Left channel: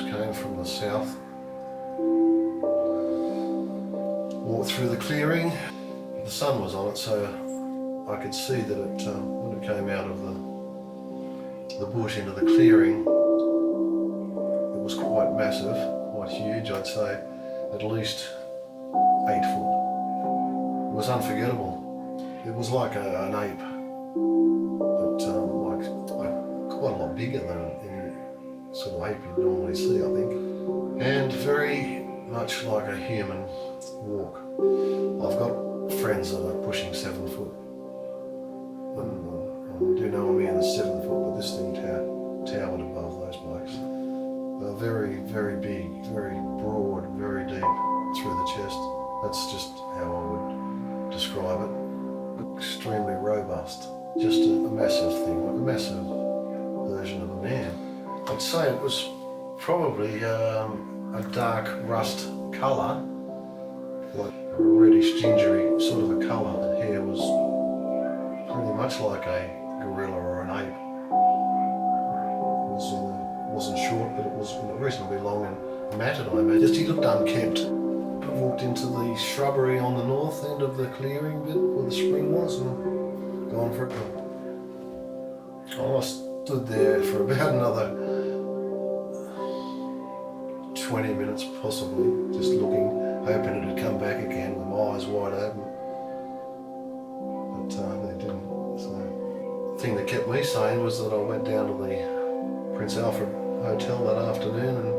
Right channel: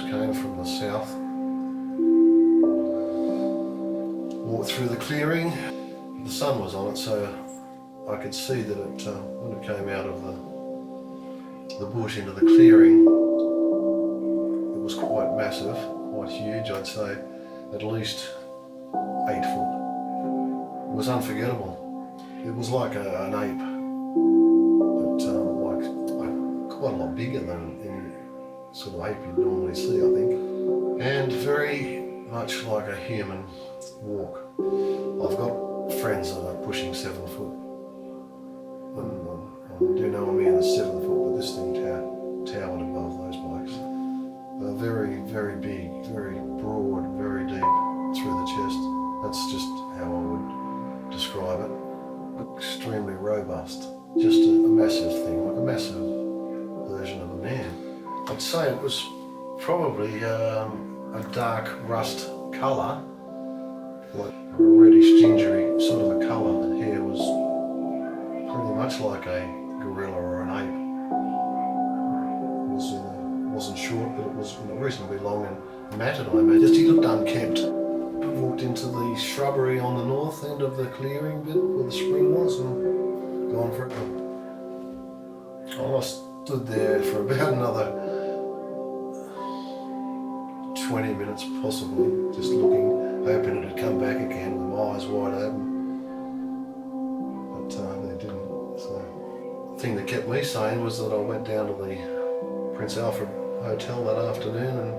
just came from the south. Walked through the clearing. The sun was on it, so I could see that it, when it came out of the bush into the clearing, it was quite massive, quite huge. I'd say at least 8 foot. It was unforgettable. It was like an ape, but like quite a lot bigger than any sort of ape you'd normally see, I think, and very much like a human walk. I've got friends that are pushing 7 foot, and I do know a man that's 7 foot, but this thing towered above those blokes. Very, very big, very broad, very deep through the chest. That's just how I would describe it. Extremely robust, just a massive thing, like a massive version of a man. I'd say it was probably a dark rust colour, like a reddish gingery sort of a colour. The hair was pretty much like a gorilla or an ape. It wasn't short, but it was reasonably long and matted, I imagine. Just he looked unkempt. I walked into the shrubbery on the north end of the clearing bit where the spring was and gone for it. I stood there for about another 20 minutes possibly, just looking, hoping it had come back again with my eyes wide open. But they didn't. So the thing that kept me sane was that I went down to the Prince Alfred Hotel that afternoon and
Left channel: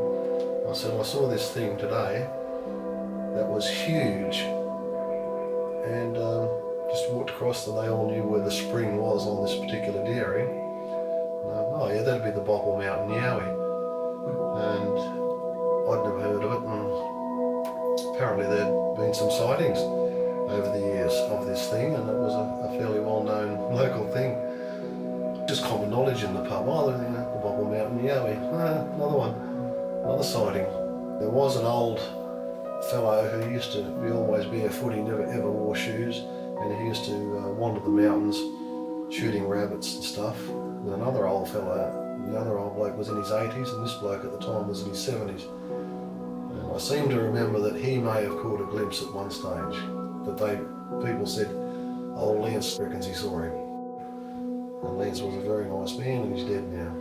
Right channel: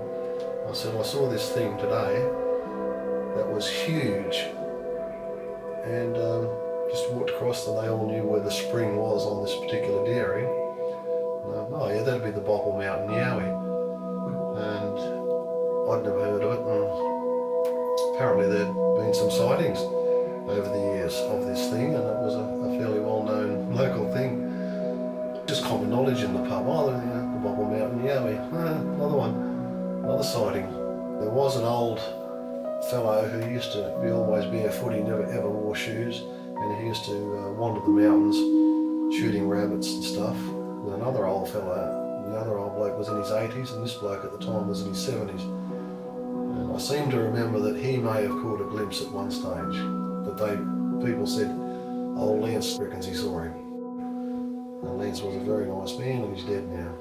I said, I saw this thing today that was huge, and just walked across and they all knew where the spring was on this particular dairy. Oh yeah, that'd be the Bauple Mountain Yowie. And I'd never heard of it, and apparently there'd been some sightings over the years of this thing, and it was a fairly well-known local thing. Just common knowledge in the pub. Oh, the Bauple Mountain Yowie. Another one, another sighting. There was an old fellow who used to be always barefoot. He never ever wore shoes, and he used to wander the mountains shooting rabbits and stuff with another old fellow. The other old bloke was in his 80s and this bloke at the time was in his 70s. And I seem to remember that he may have caught a glimpse at one stage, but people said, oh, Lance reckons he saw him. And Lance was a very nice man and he's dead now.